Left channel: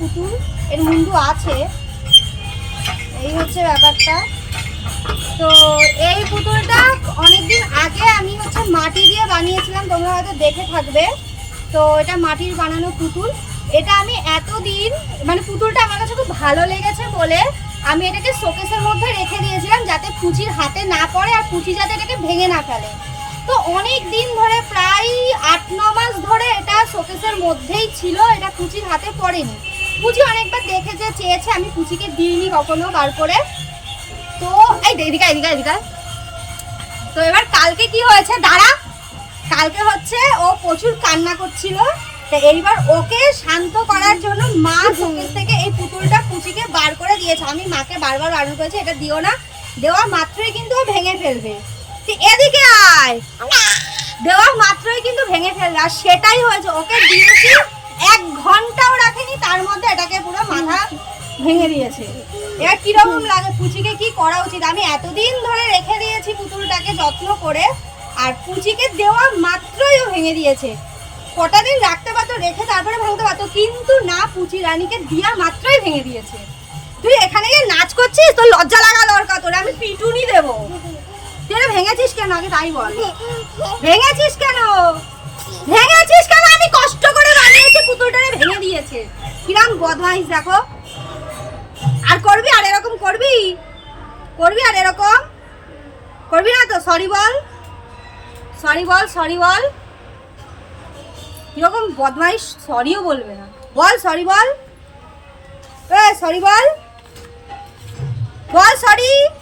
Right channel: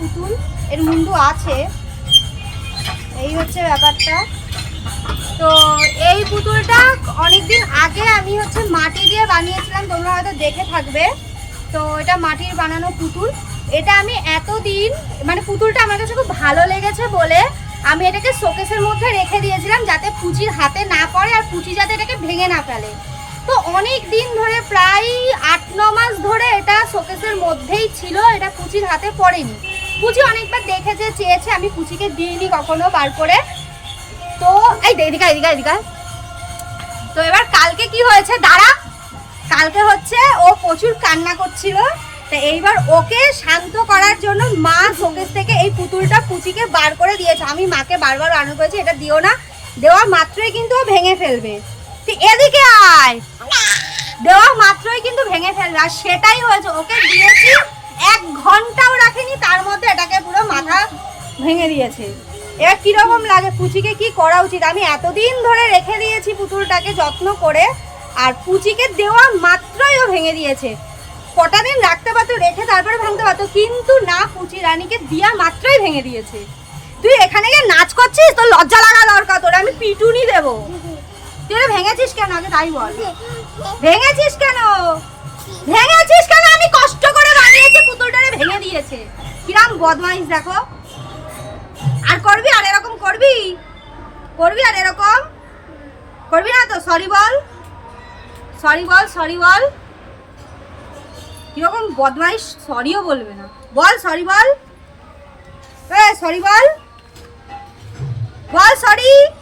পুতুল, এর মুন্ডু আছে। এই হচ্ছে ব্যাপারটা। তো এই পুতুলটা অনেকদিন আগে আমি হচ্ছে মাটি দিয়ে বানিয়েছিলাম, তোমরা হয়তো দেখে থাকবে। তো এটা মাটির বানানো পুতুল। এটা আমি এতদিন মানে পুতুলটা আমার কাছে খুব ভালো লেগেছে বলে আমি এটাকে শোকেসের মধ্যে রেখে দিয়েছিলাম যাতে পুচির হাতে না পড়ে আর পুচি যাতে এটাকে ভেঙে না ফেলে। তো অনেক দিন ধরে, প্রায় আট, ন মাস ধরে এটা শোকেসের মধ্যেই ছিল, এটা পুচির হাতে পড়েনি। পুচি অনেকবার দেখেছে চেয়েছে আমি পুচিকে দিইনি কখনো বার করে। তো এই এদিকা এদিকে আয়, তো এবার কালকে কি হয়েছে? দাঁড়া। কালকে হচ্ছে ও প্রচুর কান্না করছিল। তো এইবার ওকে শান্ত করার জন্য মা শোকেস থেকে এই পুতুলটা পুচিকে বার করে দিয়েছে। আমি মাকে বারবার বারণ করেছি এটা দিও না। দেওয়া মাত্রই কিন্তু ও ভেঙে ফেলবে। তুই এদিকে আয়। দেওয়া মাত্রই কিন্তু ভেঙে ফেলবে। আর সেটাই হয়েছে ওকে দিয়েছি এক ঘন্টাও রাখেনি তার মধ্যে ভেঙে দিয়েছে। এবার কীরকম লাগে? পুচিকে কি করা উচিত? আমি এতদিন ধরে রেখে দিয়েছি পুতুলটাকে যত্ন করে, আর পুচিকে দেওয়া মাত্রই ও ভেঙে দিয়েছে। কটা দিন রাখতে পারতো, রেখে তারপরে ভাঙতে পারতো, কিন্তু না, পুচি রানীকে দিয়া মাত্রই ভেঙে দিয়েছে। তুই এখানে গিয়ে নাচ করছিস? তোর লজ্জা লাগা দরকার, তোর আমি পিটুনি দেবো। তুই ভেঙেছিস কেন? আগে তাই বল। ভেঙেছিস কেন? ভেঙেছিস কেন? আমি কষ্ট করে বানিয়েছি পুতুলটারে ভেঙে দিয়েছে। কিরাম বদমাইশ, দেখো। আর করবি আর এরকম করবি? করবি আর এরকম? করবি না তো? সরি বল। সরি বল সরি বল। কীরকম বদমাইশ? সরিও বলবে না। বল সরি বল। এ সরি বল। বল সরি